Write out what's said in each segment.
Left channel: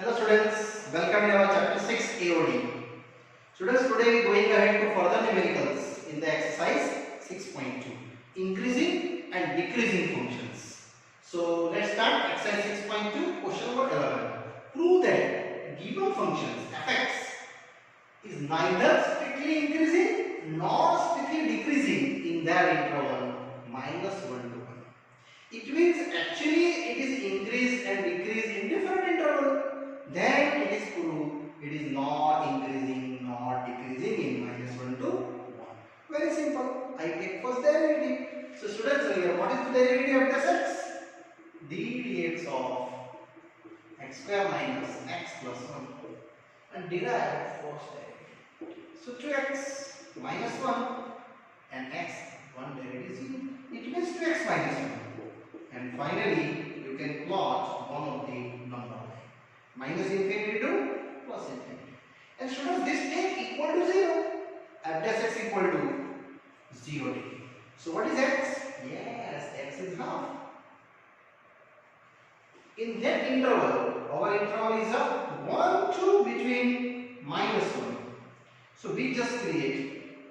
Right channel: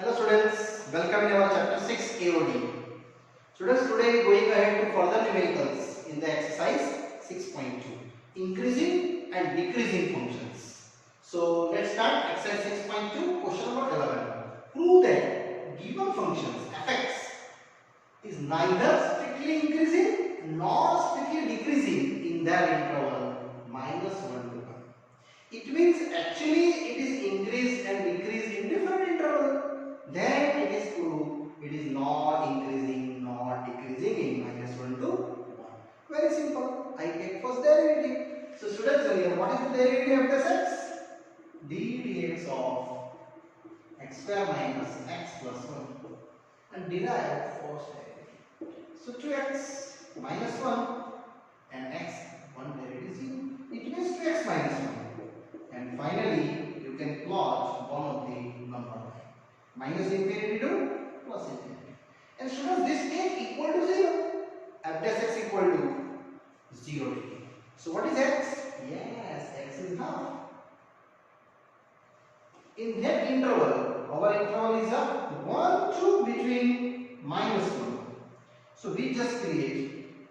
Hello students, welcome in our chapter 6 AOD. Students, today we are going ahead to further numericals in the exercise 6.2, increasing and decreasing functions. So let's start exercise 6.2, question number 11. Prove that given functions fx is neither strictly increasing nor strictly decreasing in their interval minus 1 to 1. It means actually it is increased and decreased in different interval. Then it is proved it is not increasing nor decreasing in minus 1 to 1. Very simple. I take first derivative. So students, here what is the derivative of this x? d dx of x square minus x plus 1 and derive first derivative. So 2x minus 1 and x 1 derivative is 0. It means 2x minus 1. And finally, you can plot one of the number minus infinity to plus infinity. And students, this take equal to 0. F dash x equal to 0 degree. So what is x? Yes, x is half. In that interval, our interval is a 1 to between minus 1. So we just create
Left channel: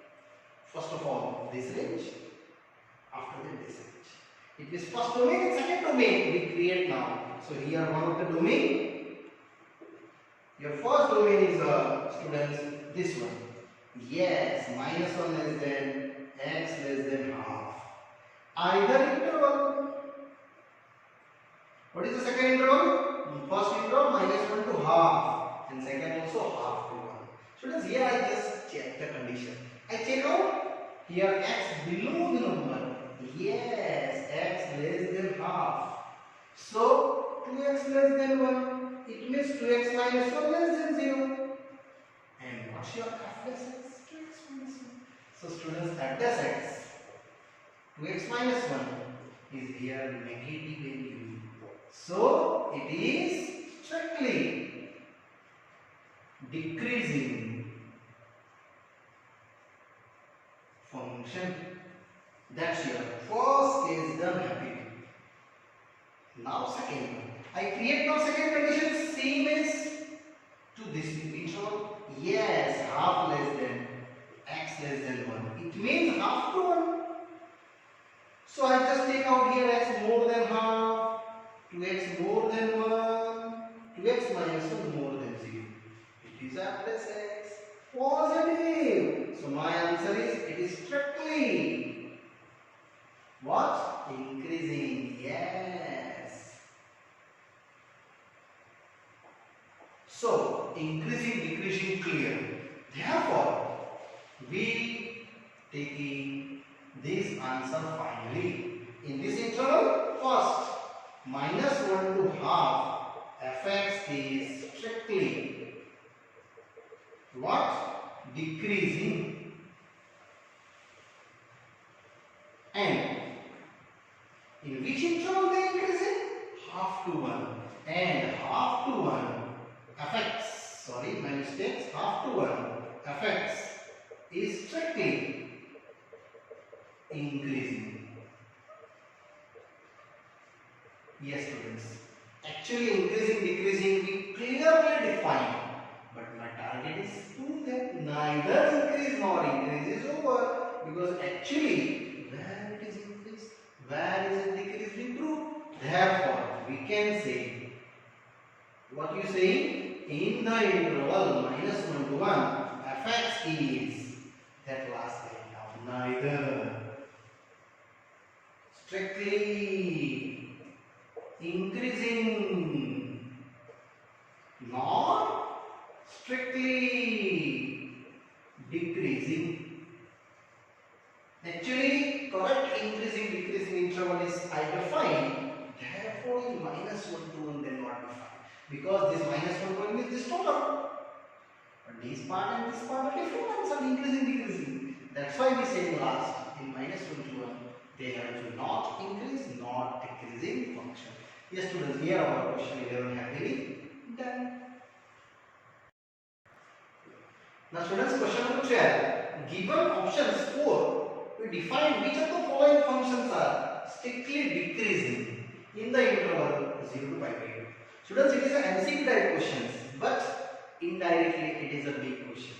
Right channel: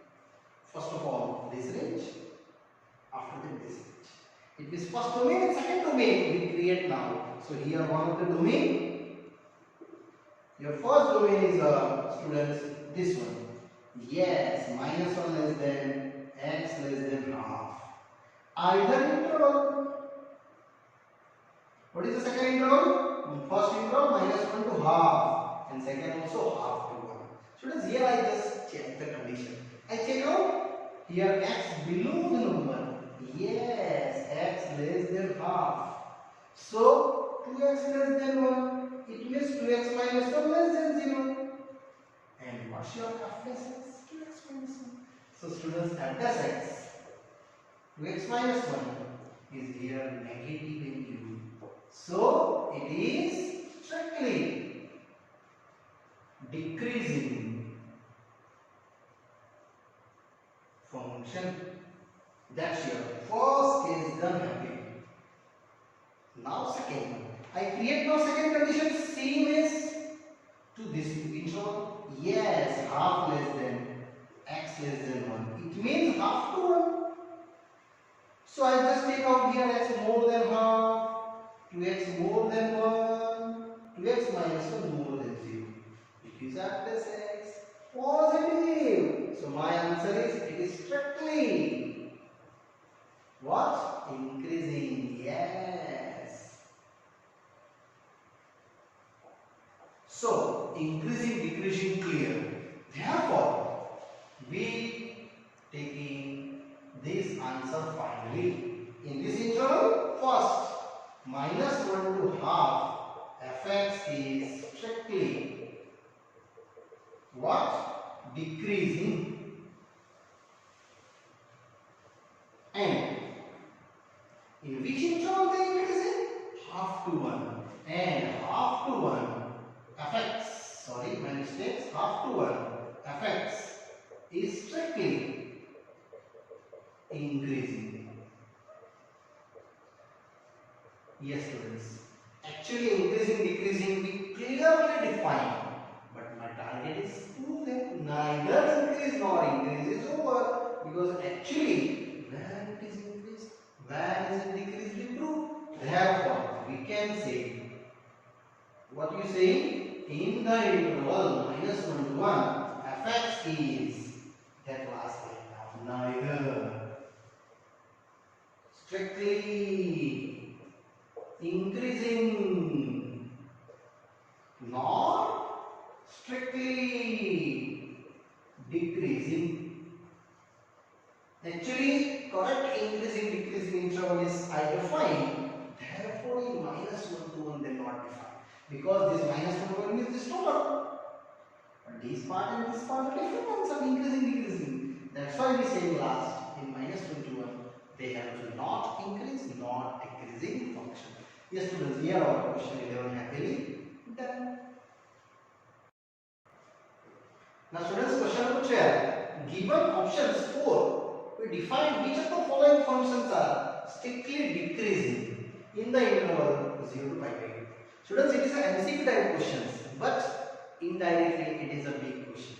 first of all this range, after that this range. It is first domain and second domain we create now. So here one of the domain. Your first domain is students this one. Yes, minus 1 less than x less than half. Either interval. What is the second interval? First interval minus 1 to half and second also half to 1. Students, here I just check the condition. I check out here x below the number. Yes, x less than half. So 2x less than 1. It means 2x minus 1 less than 0. And what's your f dash x? 2x minus 1. So students, f dash x 2x minus 1 is here negative value. So it is strictly decreasing function. That's your first case done happy. Now second one. I create now second condition same as to this interval. Yes, half less than x less than 1. It means half to 1. So I just take out here x more than half, 2x more than 1, 2x minus 1 more than 0. It is f dash x positive. So my answer is it is strictly what? Increasing. Yes. So increasing, decreasing clear. Therefore, we taking this answer finally. In this interval, first minus 1 to half fx is strictly what? Decreasing. And in which interval they increasing? Half to 1. And half to 1 fx, sorry my mistakes, half to 1 fx is strictly increasing. Yes students, actually increasing, decreasing we clearly define, but my target is to that neither increase nor increase is over, because actually where it is increased, where is it decreased we prove. Therefore we can say, what you say, in the interval minus 1 to 1 fx is that last line of neither strictly increasing nor strictly decreasing. Actually correct increasing decreasing interval is I define, therefore in minus 1 to 1 they not define, because this minus 1 to 1 means this total, but this part and this part are different ones are increasing decreasing. That's why we say last in minus 1 to 1 they have to not increase not decreasing function. Yes students, here our question 11 happily done. Now students, question number 12. Given options 4, we define which of the following functions are strictly decreasing in the interval 0 to pi by 2. Students, it is an MCQ type questions, but indirectly it is a big question.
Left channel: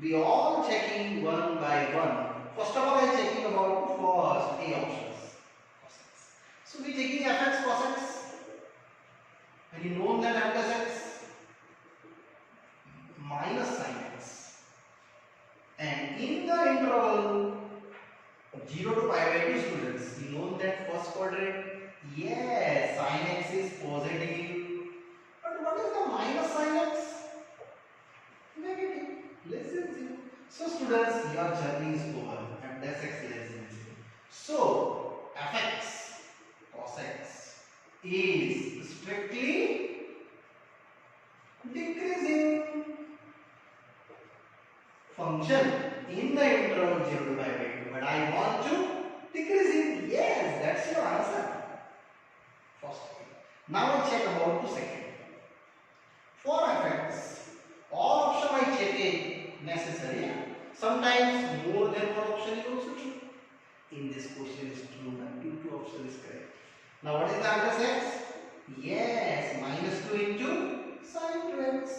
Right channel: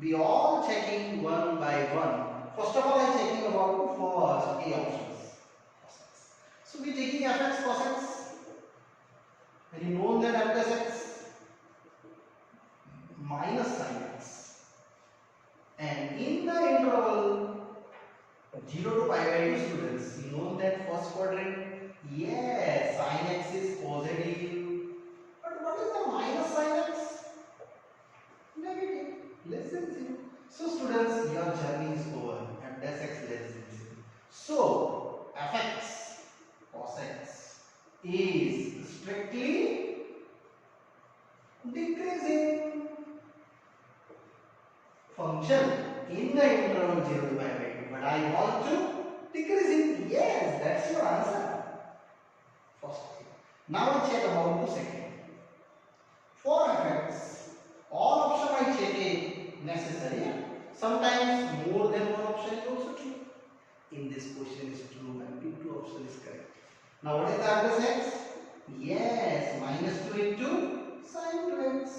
We all checking one by one. First of all, I checking about first A options. Cosines. So we checking fx cosines. Very known that f plus x minus sin x. And in the interval 0 to pi by 2, students, you know that first quadrant. Yes, sin x is positive. But what is the minus sin x? Negative, less than 0. So students, your journey is over. F dash x less than 0. So fx cos x is strictly decreasing function in the interval 0 to pi by 2. But I want to decreasing. Yes, that's your answer. First thing. Now I check about the second. For fx, all option I check is necessary. Sometimes more than one option is also true. In this question is true and two option is correct. Now what is the answer x? Yes, minus 2 into sin 2x.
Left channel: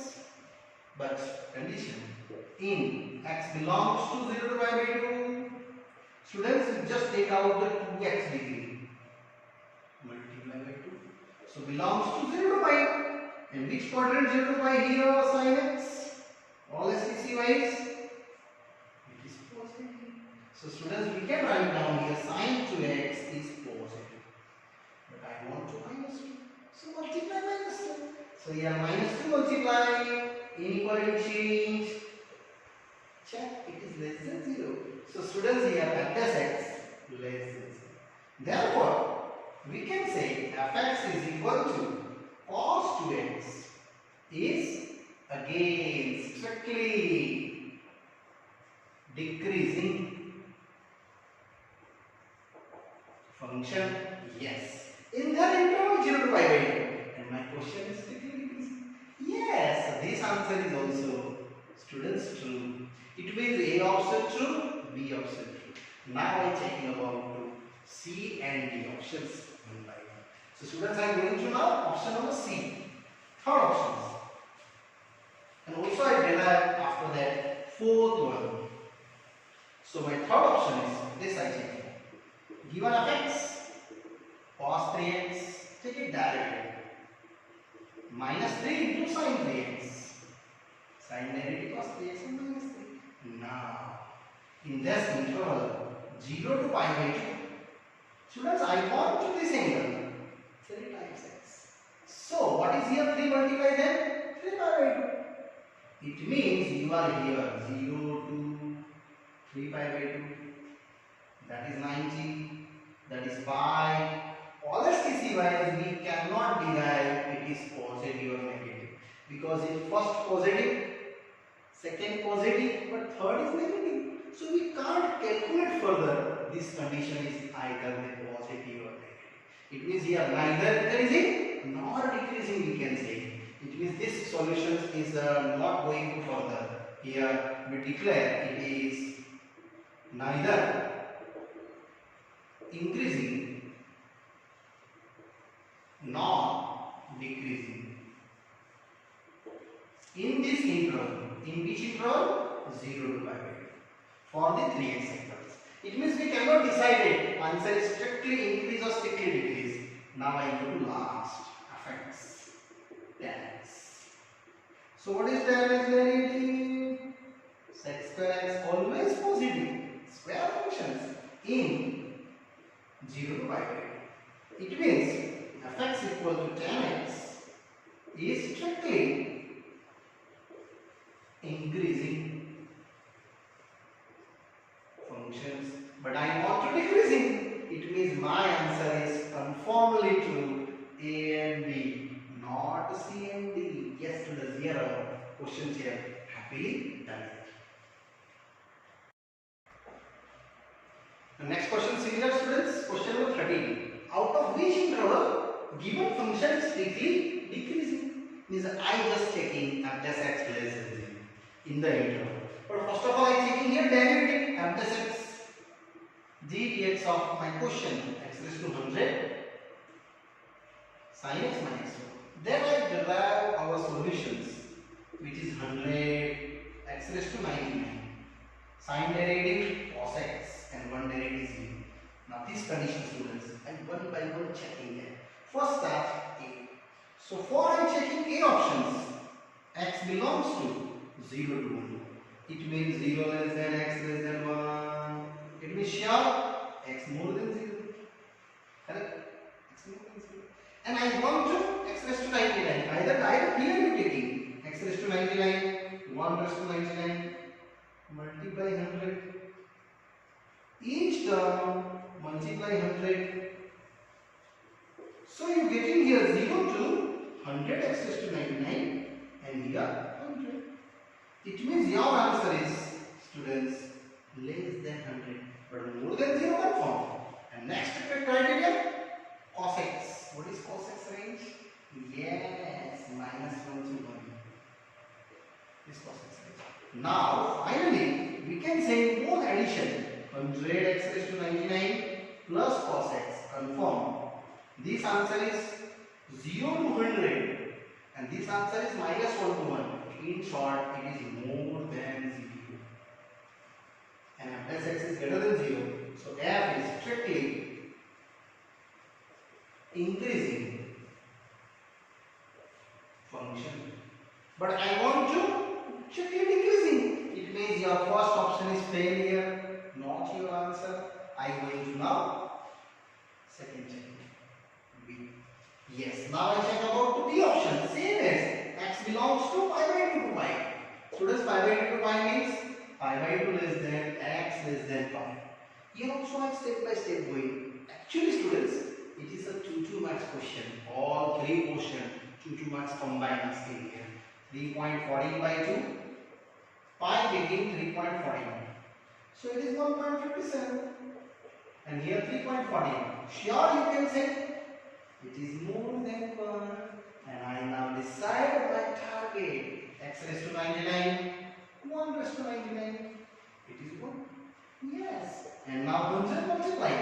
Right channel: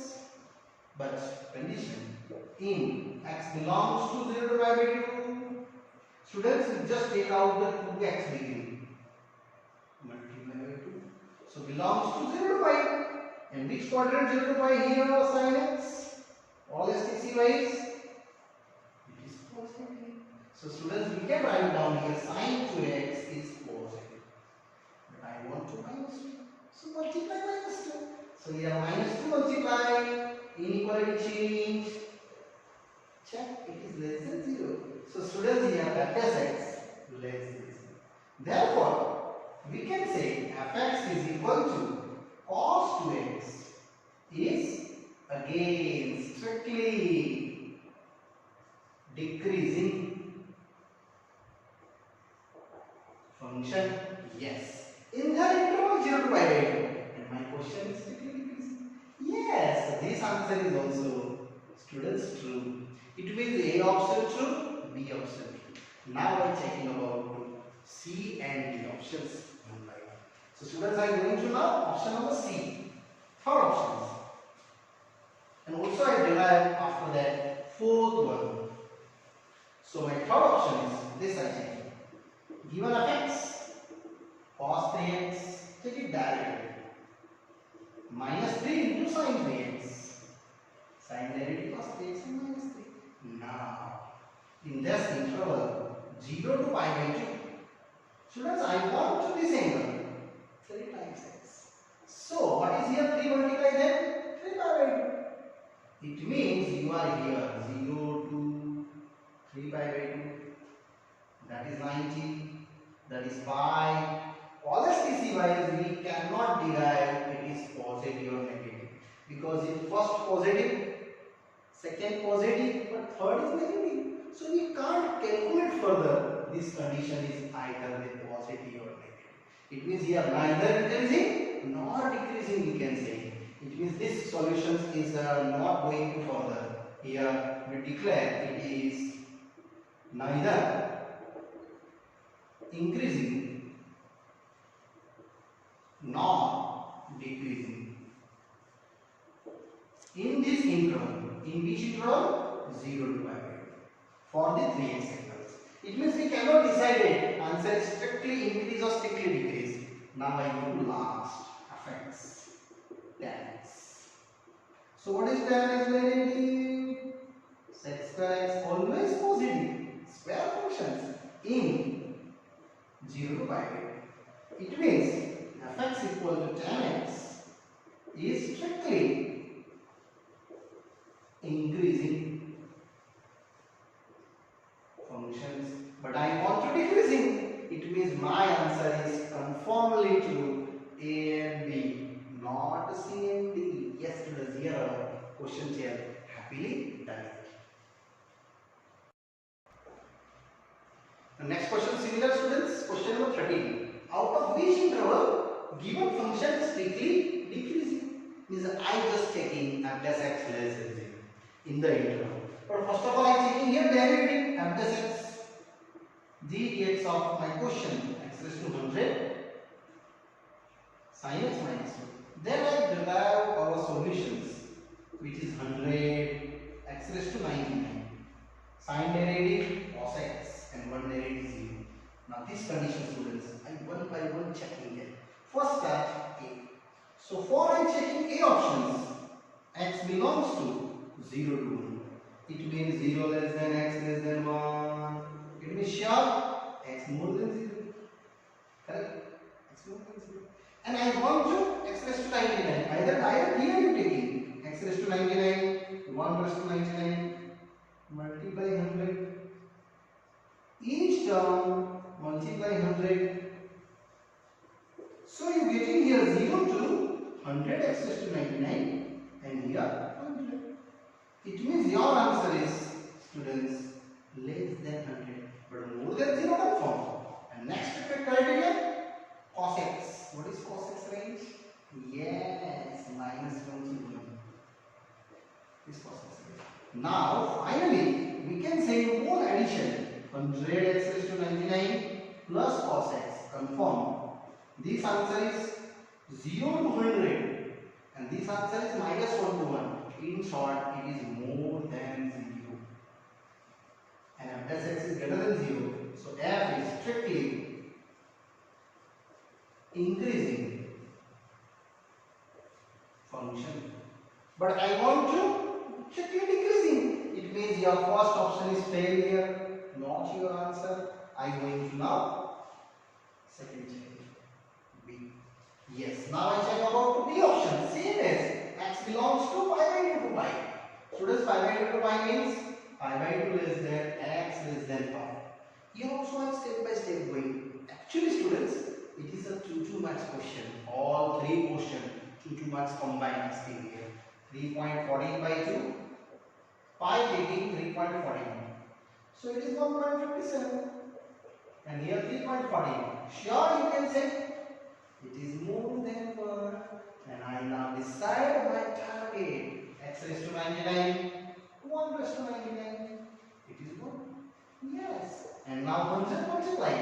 But condition, in x belongs to 0 to pi by 2. Students, just take out the 2x degree. Multiply by 2. So belongs to 0 to pi. And which quadrant 0 to pi here sin x? All STC wise? It is positive. So students, we can write down here sin 2x is positive. But I want to minus 2. So multiply minus 2. So here minus 2 multiply. Inequality change. Check, it is less than 0. So students, here f dash x less than 0. Therefore, we can say fx is equal to cos 2x is again strictly decreasing function. Yes, in the interval 0 to pi by 2. And my question is strictly decreasing. Yes, this answer is also, students, true. It means A option true, B option true. Now I checking about C and D options one by one. So students, I am going to now option number C, third options. And also I derive after that fourth one. So my third option is this I check. Given fx cos 3x, take it directly. Minus 3 into sin 3x. Sin negative cos 3x and minus 3. Now, in this interval 0 to pi by 2, students, I want to this angle 3 times x. So, what is here 3 multiplied then? 3 pi by 2. It means you are here 0 to 3 pi by 2. That is 90. That is pi. All STC wise we cannot derive it is positive or negative. Because it first positive, second positive, but third is negative. So we can't calculate further. This condition is either the positive or negative. It means here neither increasing nor decreasing we can say. It means this solution is not going further. Here we declare it is neither increasing nor decreasing. In this interval, in which interval? 0 to pi by 2. For the 3x sectors. It means we cannot decide it. Answer is strictly increase or strictly decrease. Now I go to last. Fx. Tan x. So what is tan x negative? Sec square x always positive. Square functions in 0 to pi by 2. It means fx equal to tan x is strictly increasing functions, but I want to decreasing. It means my answer is conformly to A and B, not C and D. Yes, students, here are questions here. Happily done. The next question, similar students. Question number 13. Out of which interval given function is strictly decreasing? Means I just checking f dash x less than 0 in the interval. But first of all, I checking here derivative f dash x g dx of my question x raised to 100 sin x minus 2. Then I derive our solutions, which is 100 x raised to 99. Sine derivative cos x and one derivative 0. Now this condition, students, I one by one checking it. First start A. So for I checking A options, x belongs to 0 to 1. It means 0 less than x less than 1. It means sure x more than 0. Correct? X more than 0. And I want to x raised to 99. Either direct here you taking x raised to 99, 1 raised to 99, multiply 100. Each term multiply 100. So you getting here 0 to 100 x raised to 99 and here 100. It means your answer is, students, less than 100 but more than 0 confirm. And next criteria, cos x. What is cos x range? Yes, minus 1 to 1. This cos x range. Now finally we can say both addition 100 x raised to 99 plus cos x. Confirm. This answer is 0 to 100 and this answer is minus 1 to 1. In short, it is more than 0 and f plus x is greater than 0. So f is strictly increasing function. But I want to strictly decreasing. It means your first option is failure, not your answer. I am going to now second check. B. Yes. Now I check about the B option. Same as x belongs to pi by 2 to pi. Students, pi by 2 to pi means pi by 2 less than x less than pi. Here also I am step by step going. Actually, students, it is a 2 marks question. All three questions 2 marks combined asking here. 3.14 by 2. Pi getting 3.41. So it is 1.57. And here 3.41. Sure, you can say it is more than 1. And I now decide my target. X raised to 99. 1 raised to 99. It is 1. Yes. And now 100 multiply.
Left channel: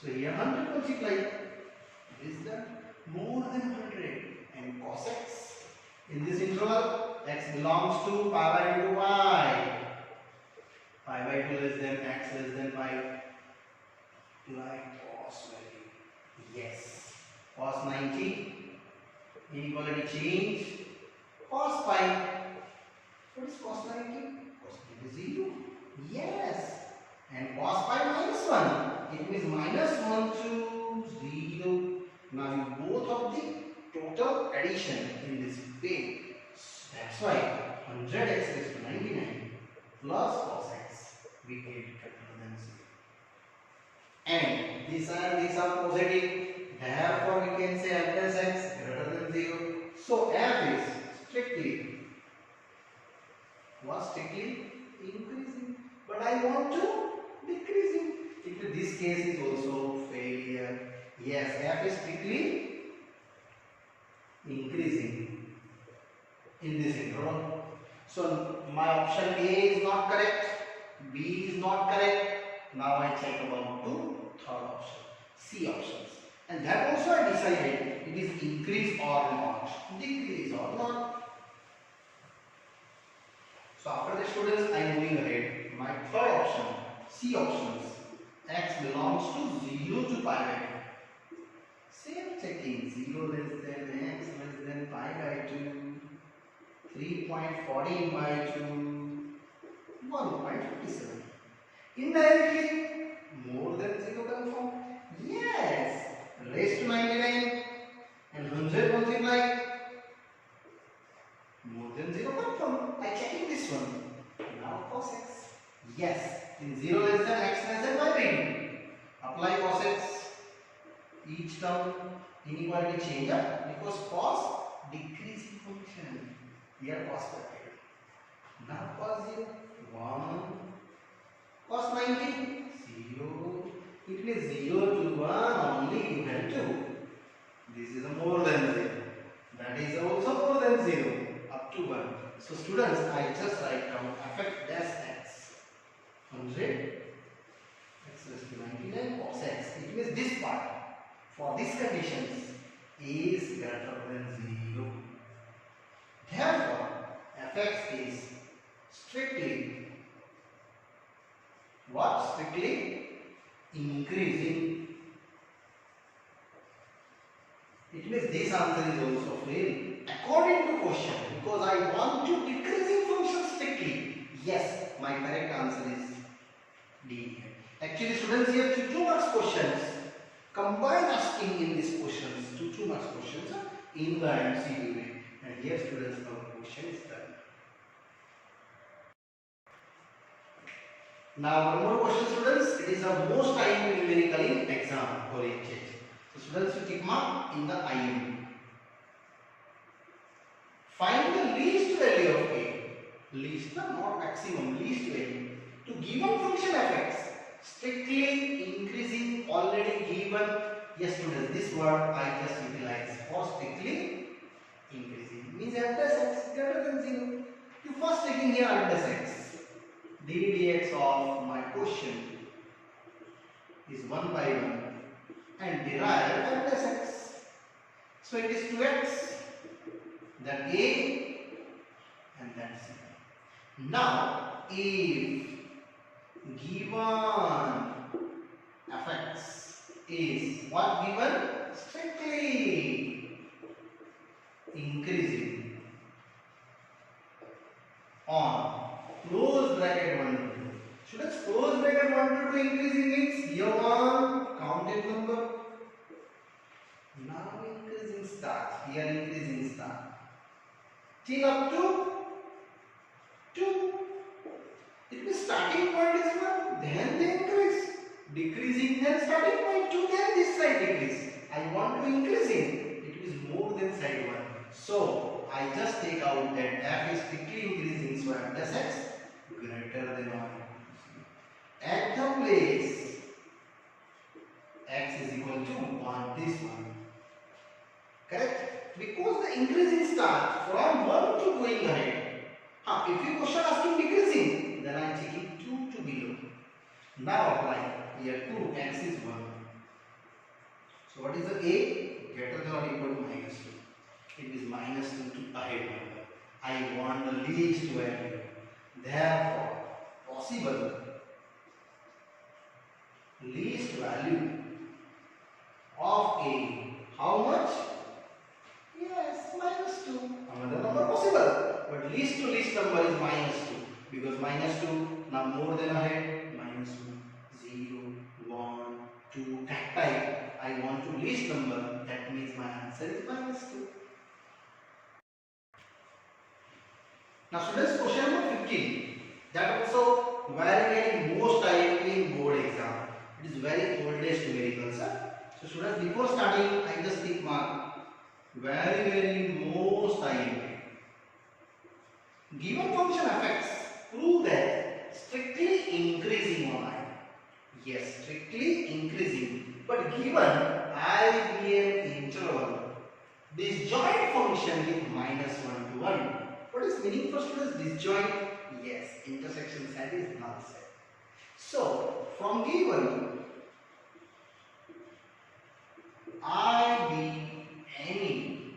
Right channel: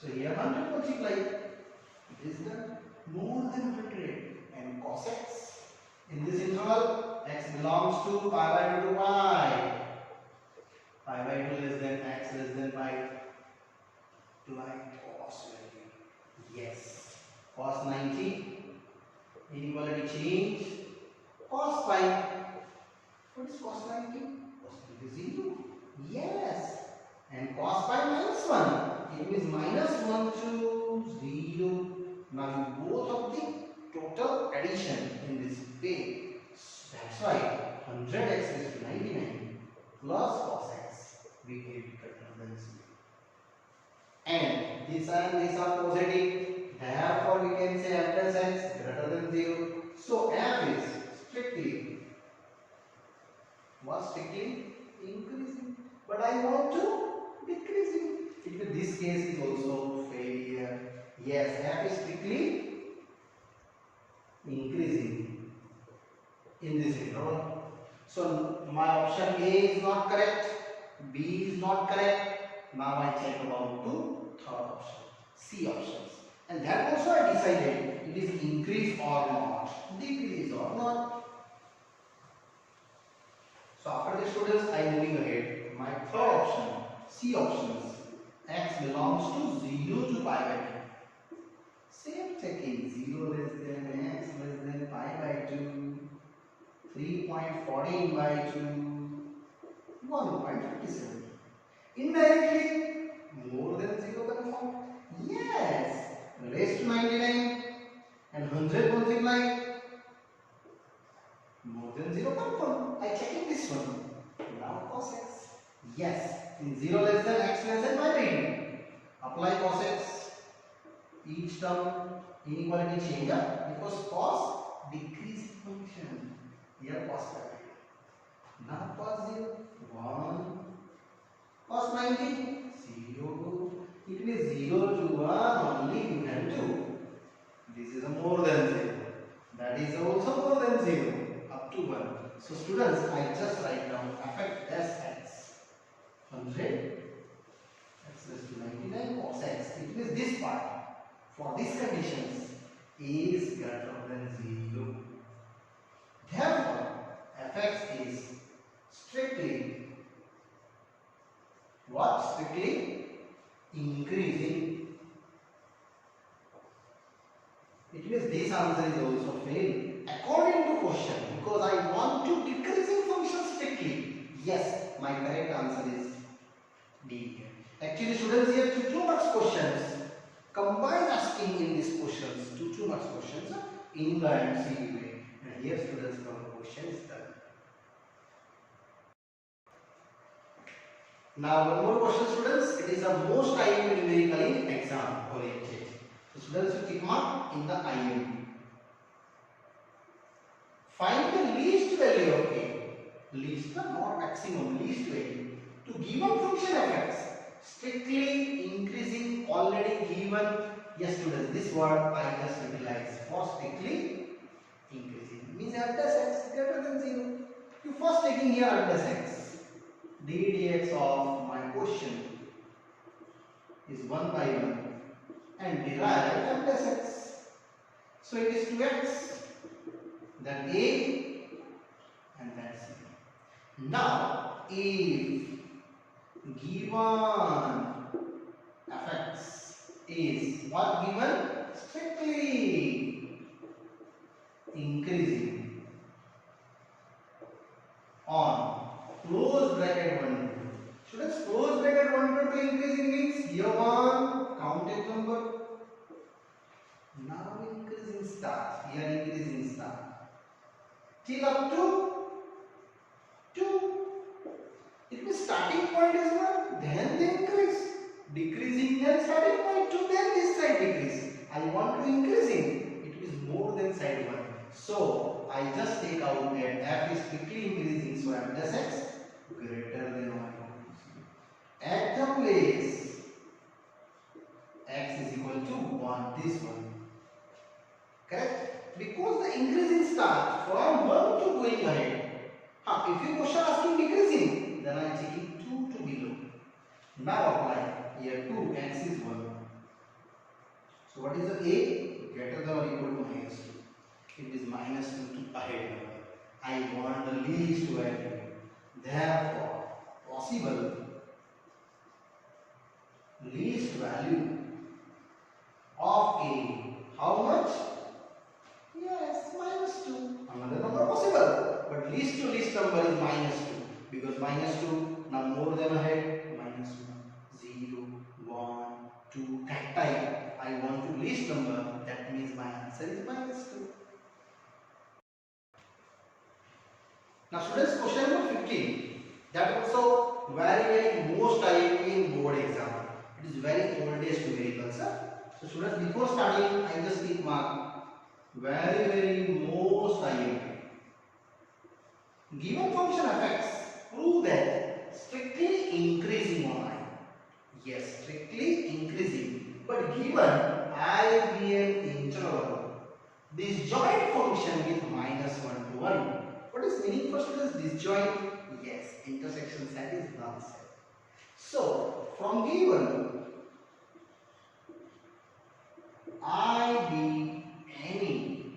So here 100 multiply. It is done. More than 100. And cos x. In this interval, x belongs to pi by 2 to pi. Pi by 2 less than x less than pi. Apply cos value. Yes. Cos 90. Inequality change. Cos pi. What is cos 90? Cos 90 is 0. Yes. And cos pi minus 1. It means minus 1 to 0. Now you both of the total addition in this way. That's why 100x raised to 99 plus cos x we get greater than 0. And these are positive. Therefore we can say f plus x greater than 0. So f is strictly increasing. But I want to decreasing. In this case is also failure. Yes, f is strictly increasing in this interval. So my option A is not correct, B is not correct. Now I check about the third option, C options. And that also I decided it is increase or not, decrease or not. So after the students, I am moving ahead. My third option, C options, x belongs to 0 to pi by 2. Same checking, 0 less than x less than pi by 2, 3.14 by 2, 1.57. Indirectly, more than 0 confirm. Yes, raised to 99 and 100 multiply. More than 0 confirm. I checking this one. Now cos x. Yes, in 0 less than x less than pi by 2. Apply cos x. Each term inequality change because cos decreasing function. Here cos bracket. Now cos 0 1. Cos 90 0. It means 0 to 1 only you have to. This is a more than 0. That is also more than 0 up to 1. So students, I just write down f as x 100 x raised to 99 cos x. It means this part for these conditions is greater than 0. Therefore, fx is strictly what? Strictly increasing. It means this answer is also fail according to question, because I want to decreasing function strictly. Yes, my correct answer is D. Actually, students, here 2 marks questions. Combine asking in these questions, 2 marks questions in the MCQ way. And here, students, our question is done. Now, one more question, students. It is the most IM numerical in exam oriented. So, students, you tick mark in the IM. Find the least value of A. Least, not maximum, least value. To given function fx, strictly increasing already given. Yes, students, this word I just utilized for strictly increasing. Means f dash x greater than 0. You first taking here f dash x. d dx of my question is 1 by 1 and derive f dash x. So it is 2x, then a and then c. Now if given fx is what given? Strictly increasing on close bracket 1 to 2. Students, close bracket 1 to 2 increasing means here 1 counted number. Now increasing start, here increasing start till up to 2. It means starting point is 1, then they increase. Decreasing, then starting point 2, then this side decrease. I want to increasing. It is more than side 1. So, I just take out that f is strictly increasing. So, f dash x greater than or equal to 0. At the place x is equal to 1, this one. Correct? Because the increasing start from 1 to going ahead. If your question asking decreasing, then I am taking 2 to below. Now apply. Here 2, x is 1. So what is the a? Greater than or equal to minus 2. It is minus 2 to ahead number. I want the least value. Therefore, possible least value of a. How much? Yes, minus 2. Another number possible. But least to least number is minus 2. Because minus 2, now more than ahead, minus 1, 0, 1, 2, that type. I want to least number, that means my answer is minus 2. Now students, question number 15. That also very most IMP in board exam. It is very oldest numerical, sir. So students, before starting, I just take mark. Very most IMP. Given function fx, prove that strictly increasing on I. Yes, strictly increasing. But given IBM interval, disjoint function with minus 1 to 1. What is meaning for students? Disjoint? Yes, intersection set is null set. So, from given I be any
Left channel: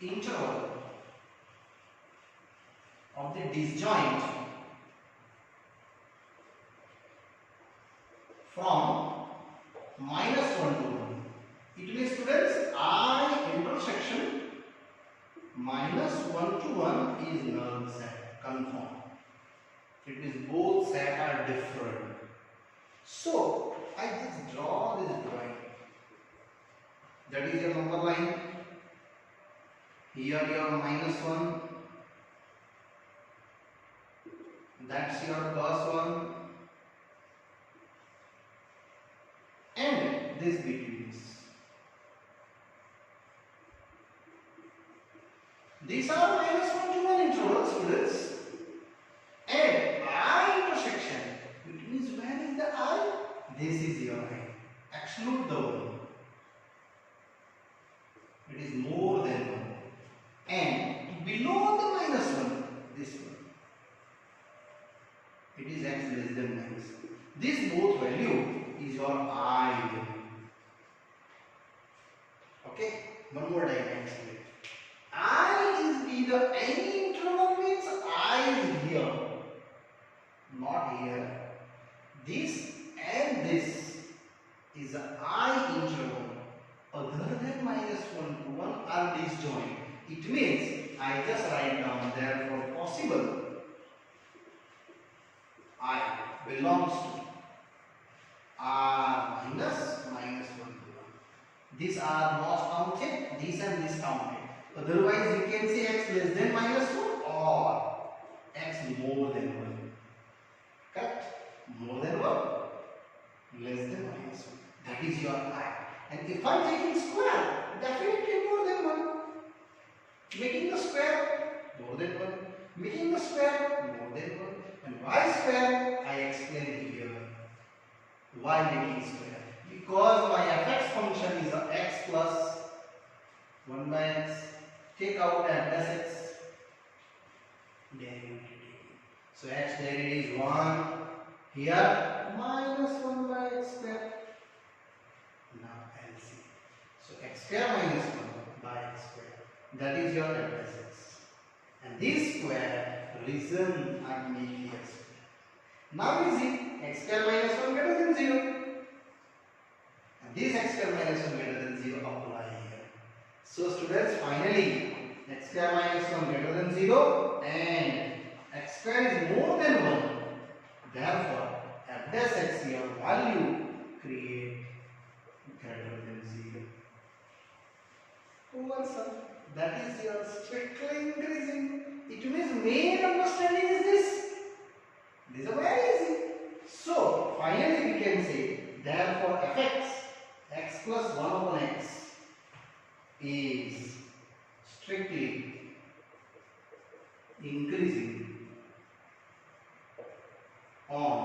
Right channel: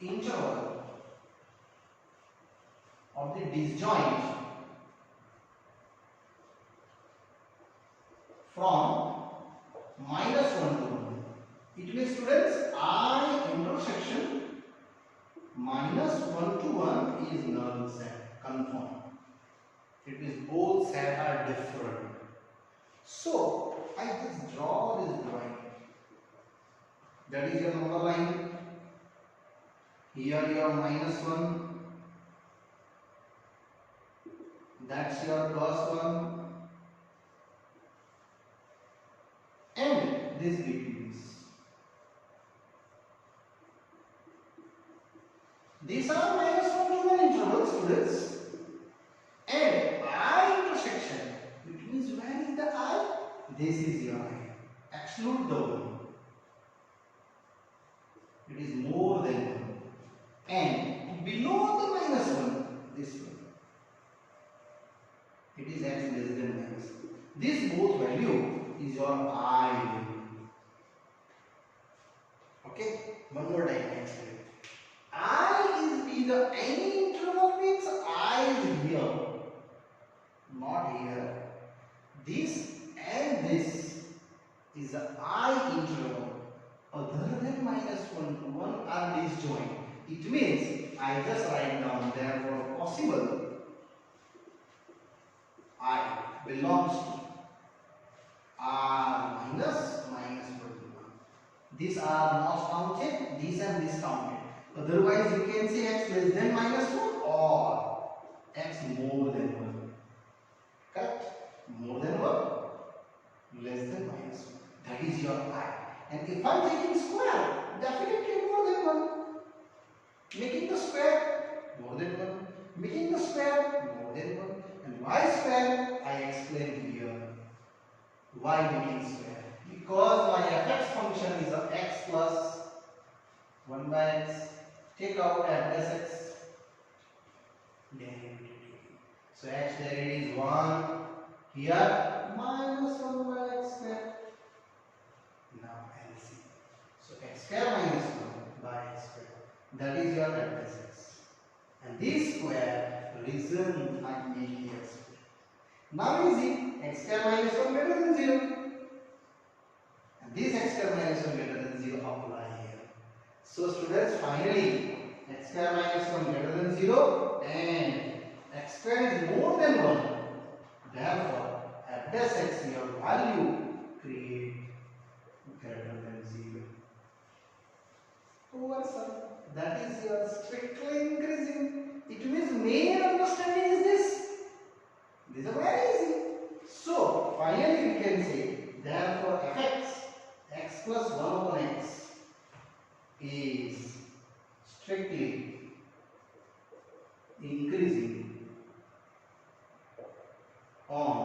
interval of the disjoint from minus 1 to 1. It means students, I intersection minus 1 to 1 is null set, confirm. It means both sets are different. So, I just draw this drawing. That is your number line. Here your minus 1. That's your plus 1. And this between this. These are minus 1 to 1 intervals, students. And I intersection, which means where is the I? This is your I. Exclude the 1. It is more than 1. And below the minus 1, this one. It is x less than minus. This both value is your I value. Okay, one more diagram. I is either any interval means I is here, not here. This and this is a I interval other than -1 to 1 are disjoint. It means I just write down therefore possible I belongs to R minus 1 to 1. These are not counted, these and this counted. Otherwise you can say x less than -1 or x more than 1. Correct? More than 1, less than -1. That is your I. And if I am taking square, definitely more than 1. Making the square, more than 1. Making the square, more than 1. And y square, I explain here. Why making square? Because my fx function is a x plus 1 by x. Take out f plus x. Derivative. So x derivative is 1. Here minus 1 by x square. Now LC. So x square minus 1 by x square. That is your f plus x. And this square reason I make here square. Now is it x square minus 1 greater than 0. And this x square minus 1 greater than 0 apply here. So students, finally x square minus 1 greater than 0 and x square is more than 1. Therefore, f dash x your value create greater than 0. That is your strictly increasing. It means main understanding is this. These are very easy. So, finally we can say, therefore fx, x plus 1 upon x is strictly increasing on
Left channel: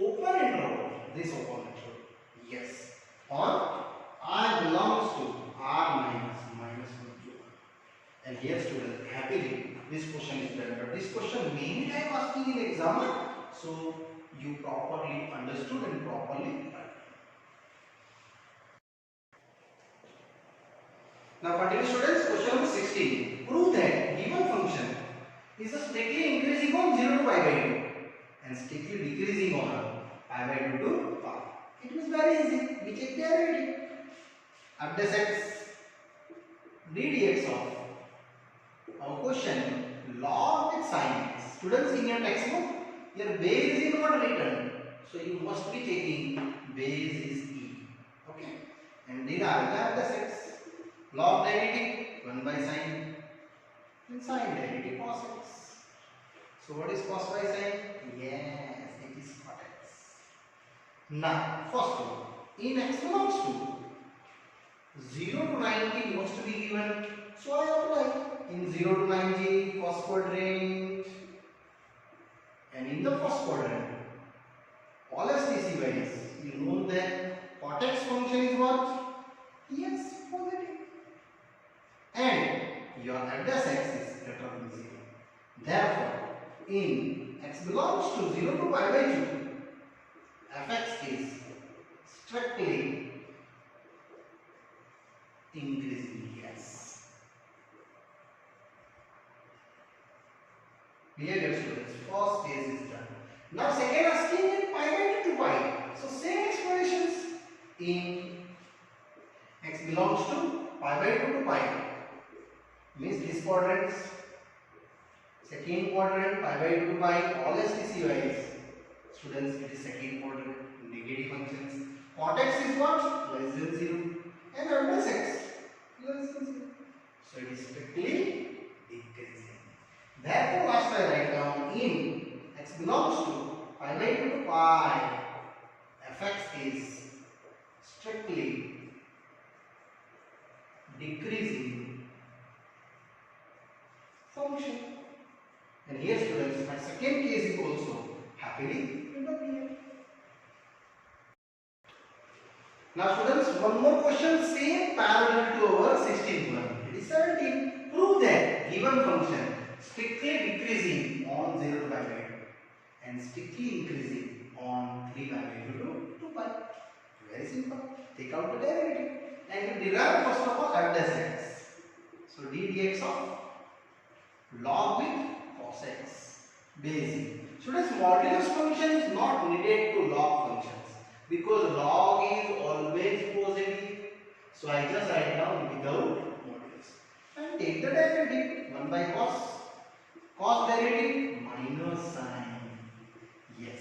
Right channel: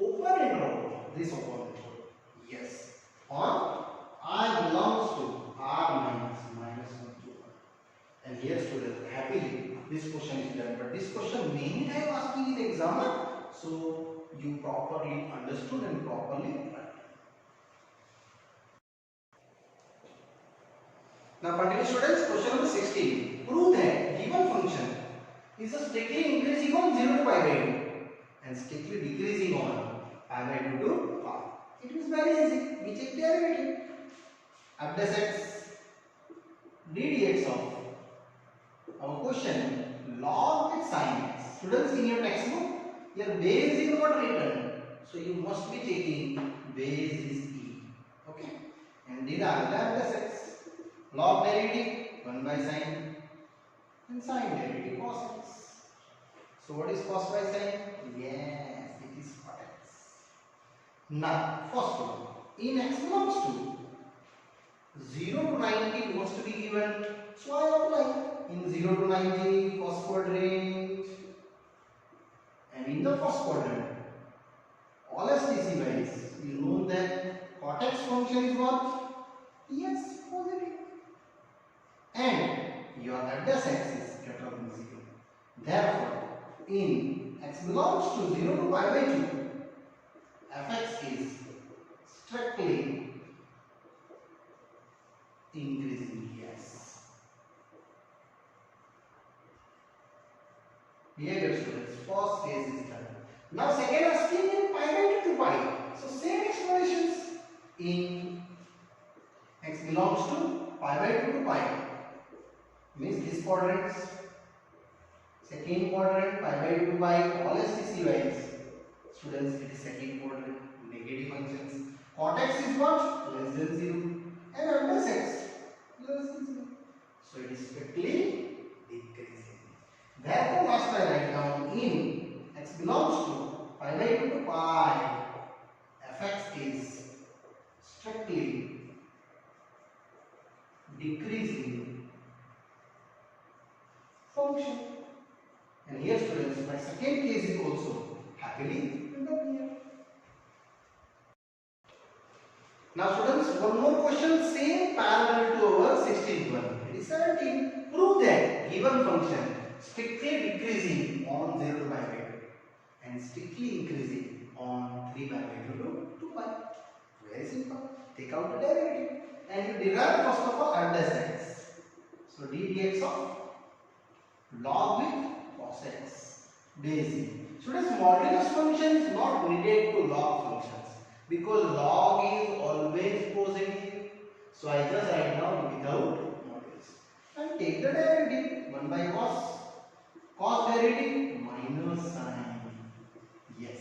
open interval, this open interval, yes, on I belongs to R minus 1 to 1. And here students, happily this question is done, but this question many times asking in exam, so you properly understood and properly learned. Now continue students, question number 16. Prove that given function is strictly increasing on 0 to pi by 2 and strictly decreasing on pi by 2 to pi. It is very easy. We take derivative. F dash x ddx of our question log with sin x. Students, in your textbook, your base is not written, so you must be taking base is e. Okay, and then F dash x log derivative 1 by sin and sin derivative cos x. So what is cos by sin? Yes, it is cot x. Now first one, in x belongs to 0 to 90 wants to be given, so I apply in 0 to 90 first quadrant, and in the first quadrant all STC values, you know that cot x function is what? Yes, positive, and your f dash x is greater than 0. Therefore, in x belongs to 0 to pi by 2, fx is strictly increasing. Yes. Clear, dear students? First phase is done. Now second asking in pi by 2 to pi. So same explanations. In x belongs to pi by 2 to pi means this quadrant. Second quadrant pi by 2 to pi all STC values. Students, it is second quadrant, negative functions. Cot x is what? Less than 0. And f dash x less than 0. So it is strictly decreasing. Therefore, last I write down in x belongs to pi by 2 to pi, fx is strictly decreasing function. And here students, my second case is also happily written here. Now students, one more question, same parallel to our 16th one. It is 17. Prove that given function strictly decreasing on 0 to pi by 2 and strictly increasing on 3 pi by 2 to 2 pi. Very simple. Take out the derivative. and you derive first of all at x. So d dx of log with cos x basic. Students, modulus function is not needed to log functions because log is always positive. So I just write down without modulus and take the derivative 1 by cos derivative minus sin. Yes,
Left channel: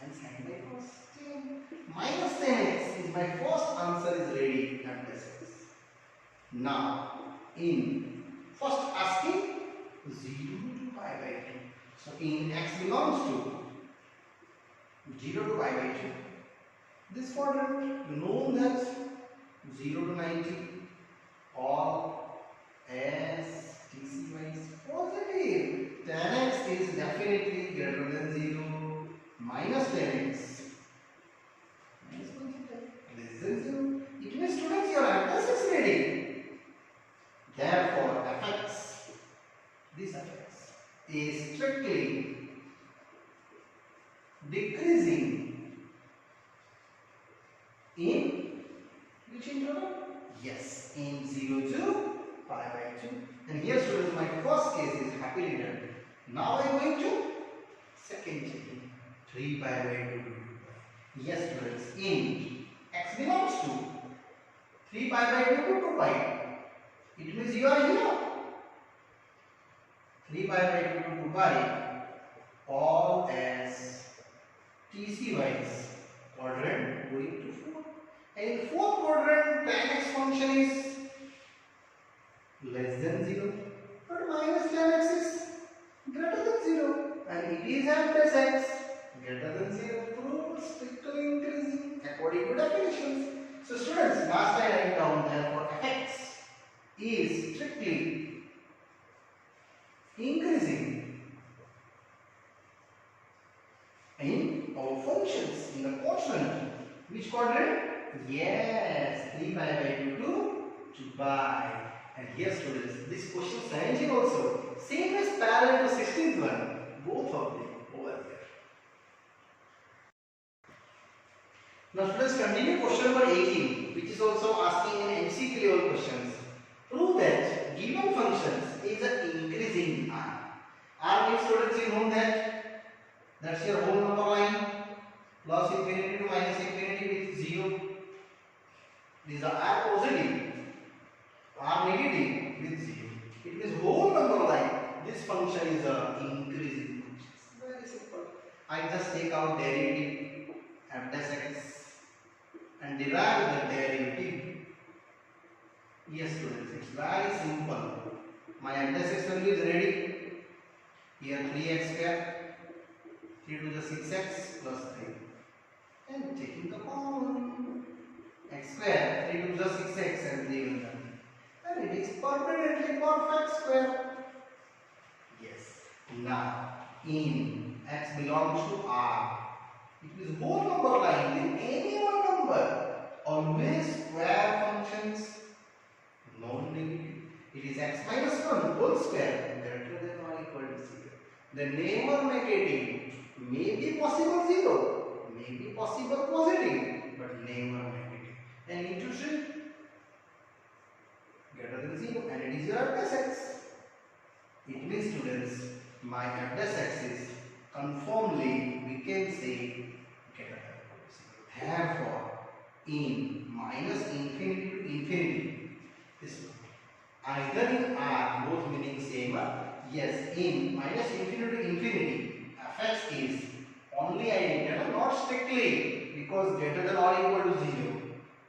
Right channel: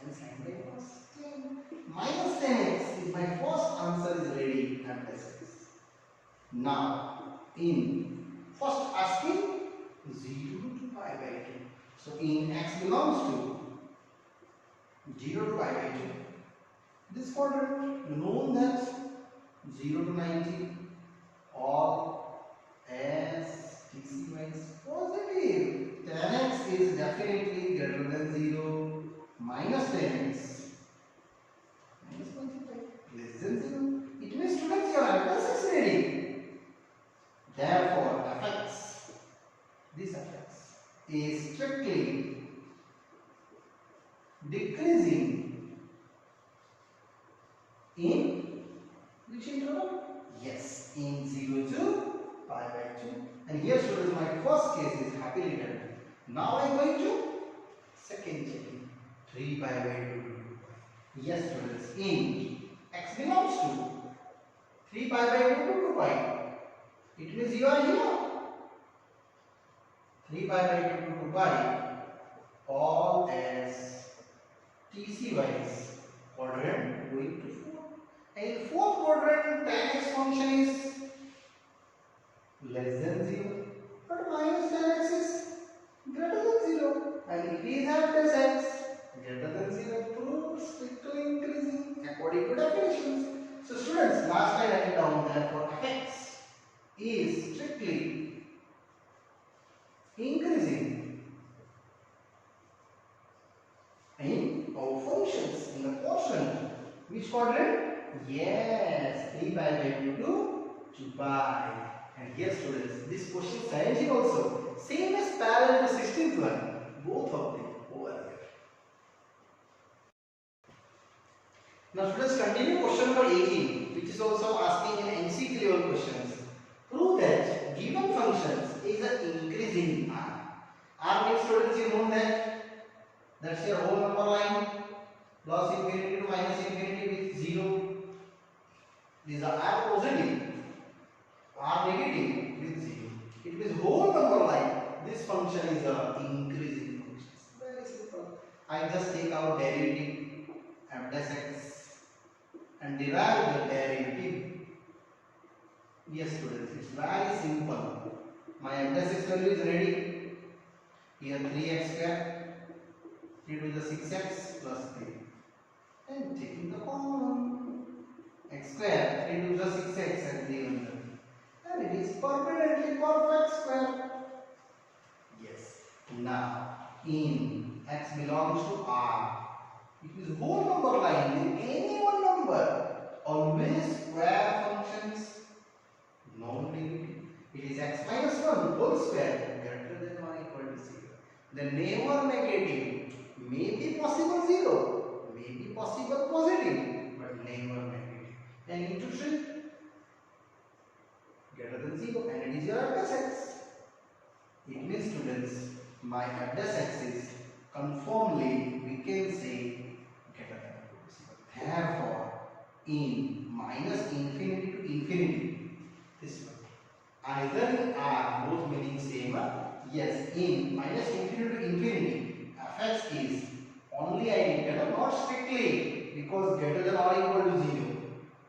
and sin by cos 10 minus 10x is my first answer is ready at this x. Now in first asking 0 to pi by 2. So in x belongs to 0 to pi by 2. This quadrant, you know that 0 to 90 all as TCY is positive. 10x is definitely greater than 0. Minus 10x minus 25 less than 0. It means students your answer is ready. Therefore fx, this fx is strictly decreasing in which interval? Yes, in 0 to pi by 2. And here students, my first case is happily done. Now I am going to second checking 3 pi by 2 to 2 pi. Yes students, in x belongs to 3 pi by 2 to 2 pi. It means you are here. 3 pi by 2 to 2 pi all as TC wise quadrant going to 4. And in fourth quadrant, tan x function is less than 0, but minus tan x is greater than 0, and it is at this x greater than 0 through strictly increasing according to definitions. So students, last I write down therefore fx is strictly increasing in our functions in the quotient. Which quadrant? Yes, 3 pi by 2 to 2 pi. And here students, this question 17 also same as parallel to 16th one, both of them over here. Now students, continue question number 18, which is also asking in MCQ level questions. Prove that given functions is increasing R. R means students, you know that's your whole number line plus infinity to minus infinity with 0. These are R positive, R negative with 0. It means whole number line. This function is increasing function. Very simple. I just take out derivative f dash x and derive the derivative. Yes students, it's very simple. My f dash x value is ready. Here 3x square, 3 to the 6x plus 3. And taking the common x square, 3 to the 6x and leave it. And it is permanently perfect square. Yes. Now in x belongs to R. It means whole number line with any one number. Always square functions non-negative. It is x minus 1 whole square greater than or equal to 0. Then never negative. May be possible 0, may be possible positive, but never negative. And into 3 greater than 0, and it is your f dash x. It means students, my f dash x is conformably we can say greater than or equal to 0. Therefore, in minus infinity to infinity, this one, either in R, both meaning same. Yes, in minus infinity to infinity, fx is only identical, not strictly, because greater than or equal to 0.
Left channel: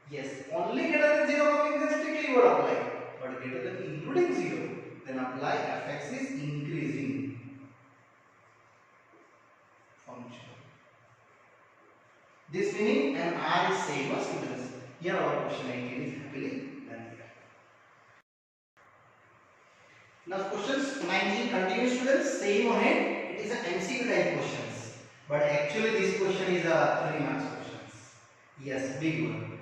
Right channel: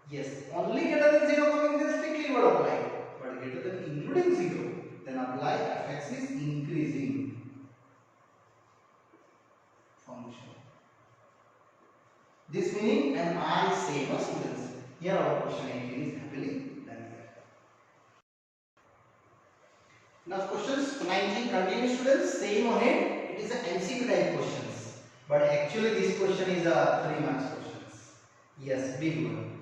Yes, only greater than 0 coming, then strictly will apply. But greater than including 0, then apply fx is increasing function. This meaning and R is same as students. Here our question 18 is happily done here. Now questions 19 continue students, same ahead. It is a MCQ type questions, but actually this question is a 3 marks questions. Yes, big one.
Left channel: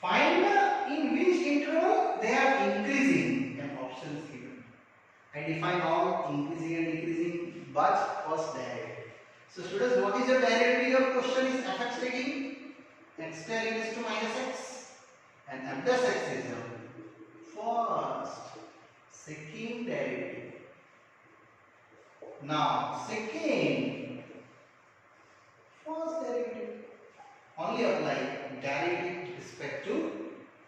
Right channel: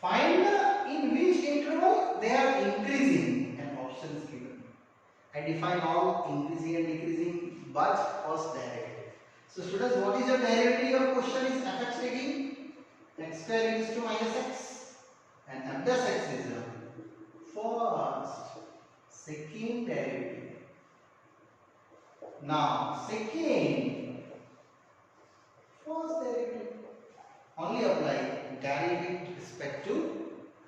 Find in which interval they are increasing and options given. I define all increasing and decreasing, but first derivative. So students, what is the derivative of question is fx taking x square is to minus x and f dash x is a first, second derivative. Now second, first derivative. Only apply derivative with respect to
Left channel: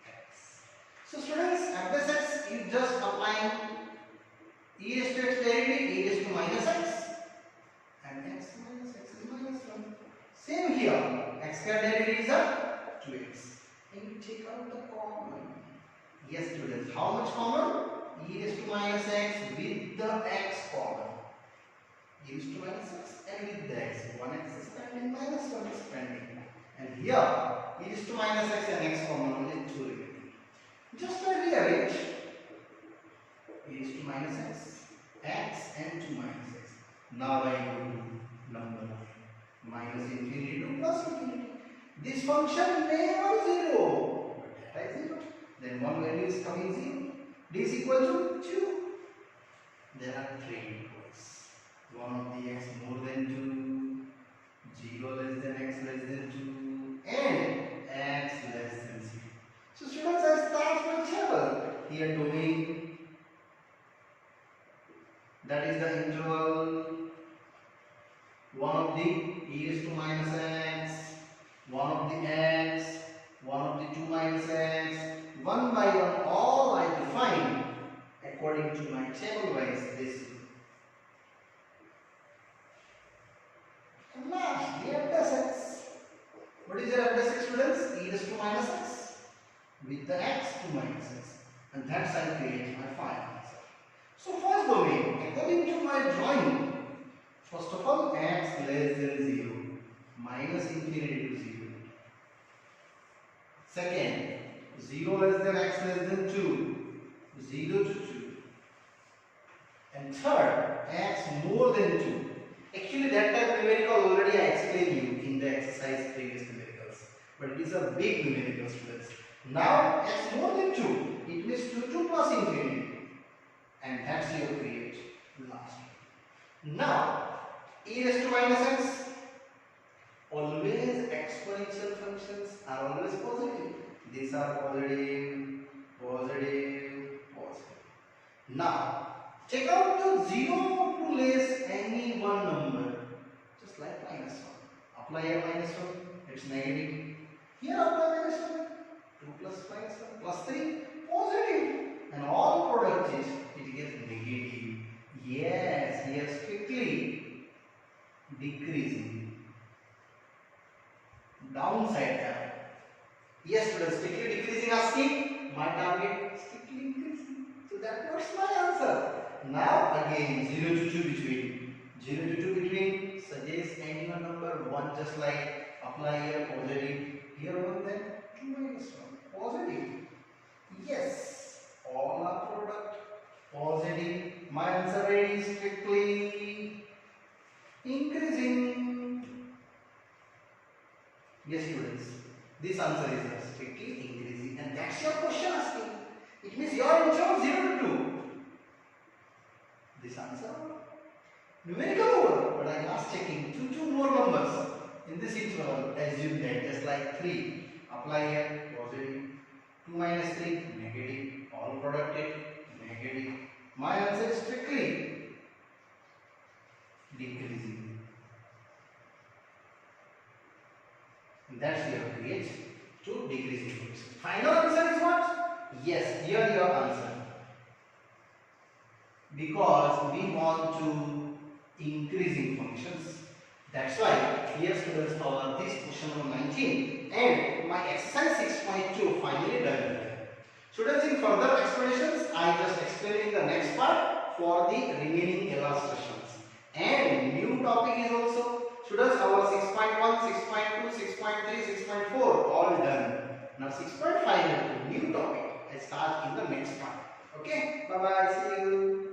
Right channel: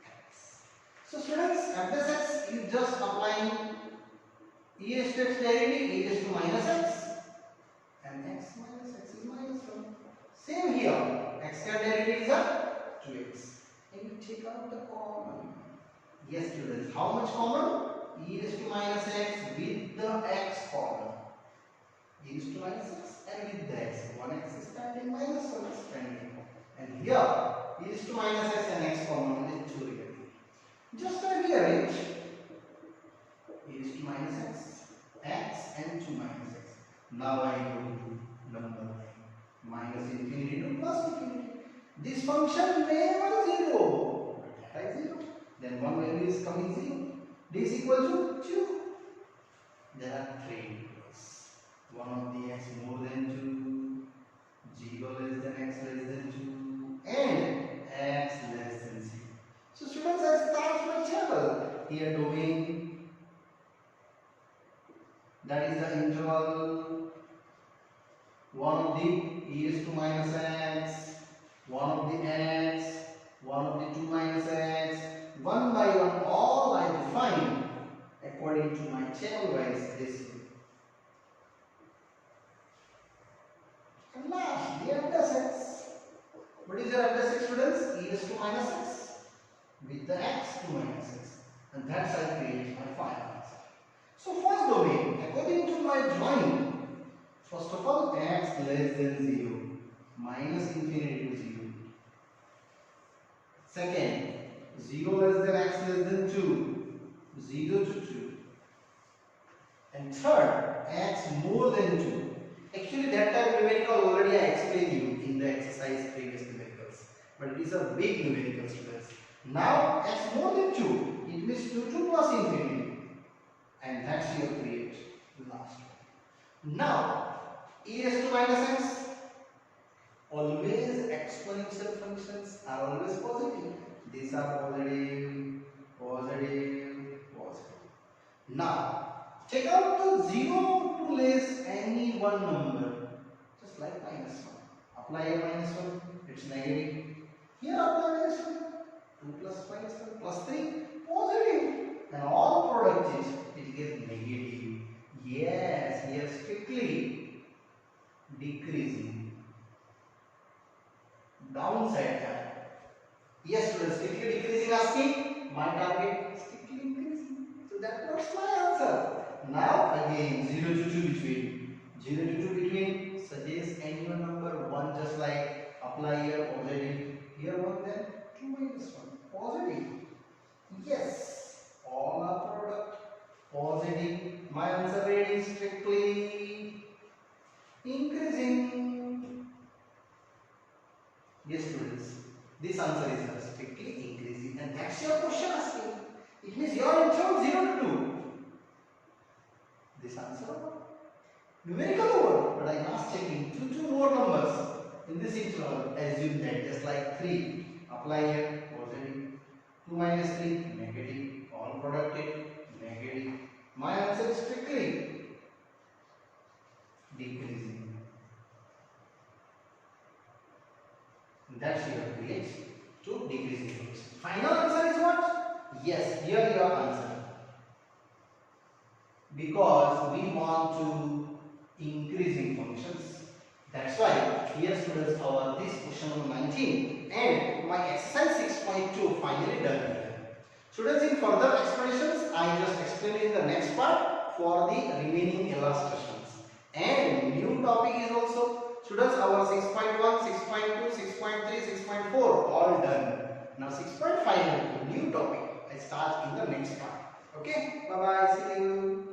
x. So students, f dash x is just applying e raised to x derivative, e raised to minus x, and x minus x is minus 1. Same here, x square derivative is a 2x. And you take out the common. Yes students, how much common? E raised to minus x with the x common. E raised to minus x and with the x. 1x is pending, minus 1 is pending. And here, e raised to minus x and x common only 2 remain. Just rearrange e raised to minus x and 2 minus x. Now I do number line. Minus infinity to plus infinity. This function never 0, but that is 0. Then one value is coming 0. D is equal to 2. There are 3 equals. 1 of the x more than 2, 0 less than x less than 2, and x less than 0. So students, I start my table. Here domain, that is the interval. 1 of the e raised to minus x, 1 of the x, 1 of the 2 minus x, one by one all I define according to my table wise this. And last, the f dash x. What is your f dash x students? E raised to minus x with the x to minus x, and that's I create my final answer. So first domain, according to my drawing, first of all x less than 0, minus infinity to 0. Second, 0 less than x less than 2, 0 to 2. And third, x more than 2. Actually that type numerical already I explained you in the exercise previous numericals. But it is a big numerical students. Now x more than 2, it means 2 plus infinity. And that's your create last one. Now e raised to minus x, always exponential functions are always positive. These are positive, positive, positive. Now take out the 0 to less any one number, just like minus 1. Apply a minus 1, it's negative. Here apply minus 1, 2 plus minus 1 plus 3, positive. And all product is, it gets negative. Yes, here strictly decreasing. Downside term. Yes students, strictly decreasing asking, my target strictly increasing. So that was my answer. Now again 0 to 2 between. 0 to 2 between, suggest any one number 1, just like apply here positive. Here 1, then 2 minus 1. Positive. Yes. All are product positive. My answer rate is strictly increasing. Yes students, this answer is strictly increasing, and that's your question asking. It means your interval 0 to 2. This answer numerical over, but I am asked checking 2 more numbers in this interval. Assume that just like 3. Apply here positive. 2 minus 3 negative. All product negative. My answer is strictly decreasing. That's your create to decreasing function. Final answer is what? Yes, here your answer. Because we want to increasing functions. That's why here students cover this question number 19 and my exercise 6.2 finally done here. Students, in further explanations I just explained in the next part for the remaining illustrations. And new topic is also, students, our 6.1, 6.2, 6.3, 6.4 all done. Now 6.5 new topic I start in the next part. Okay, bye bye, see you.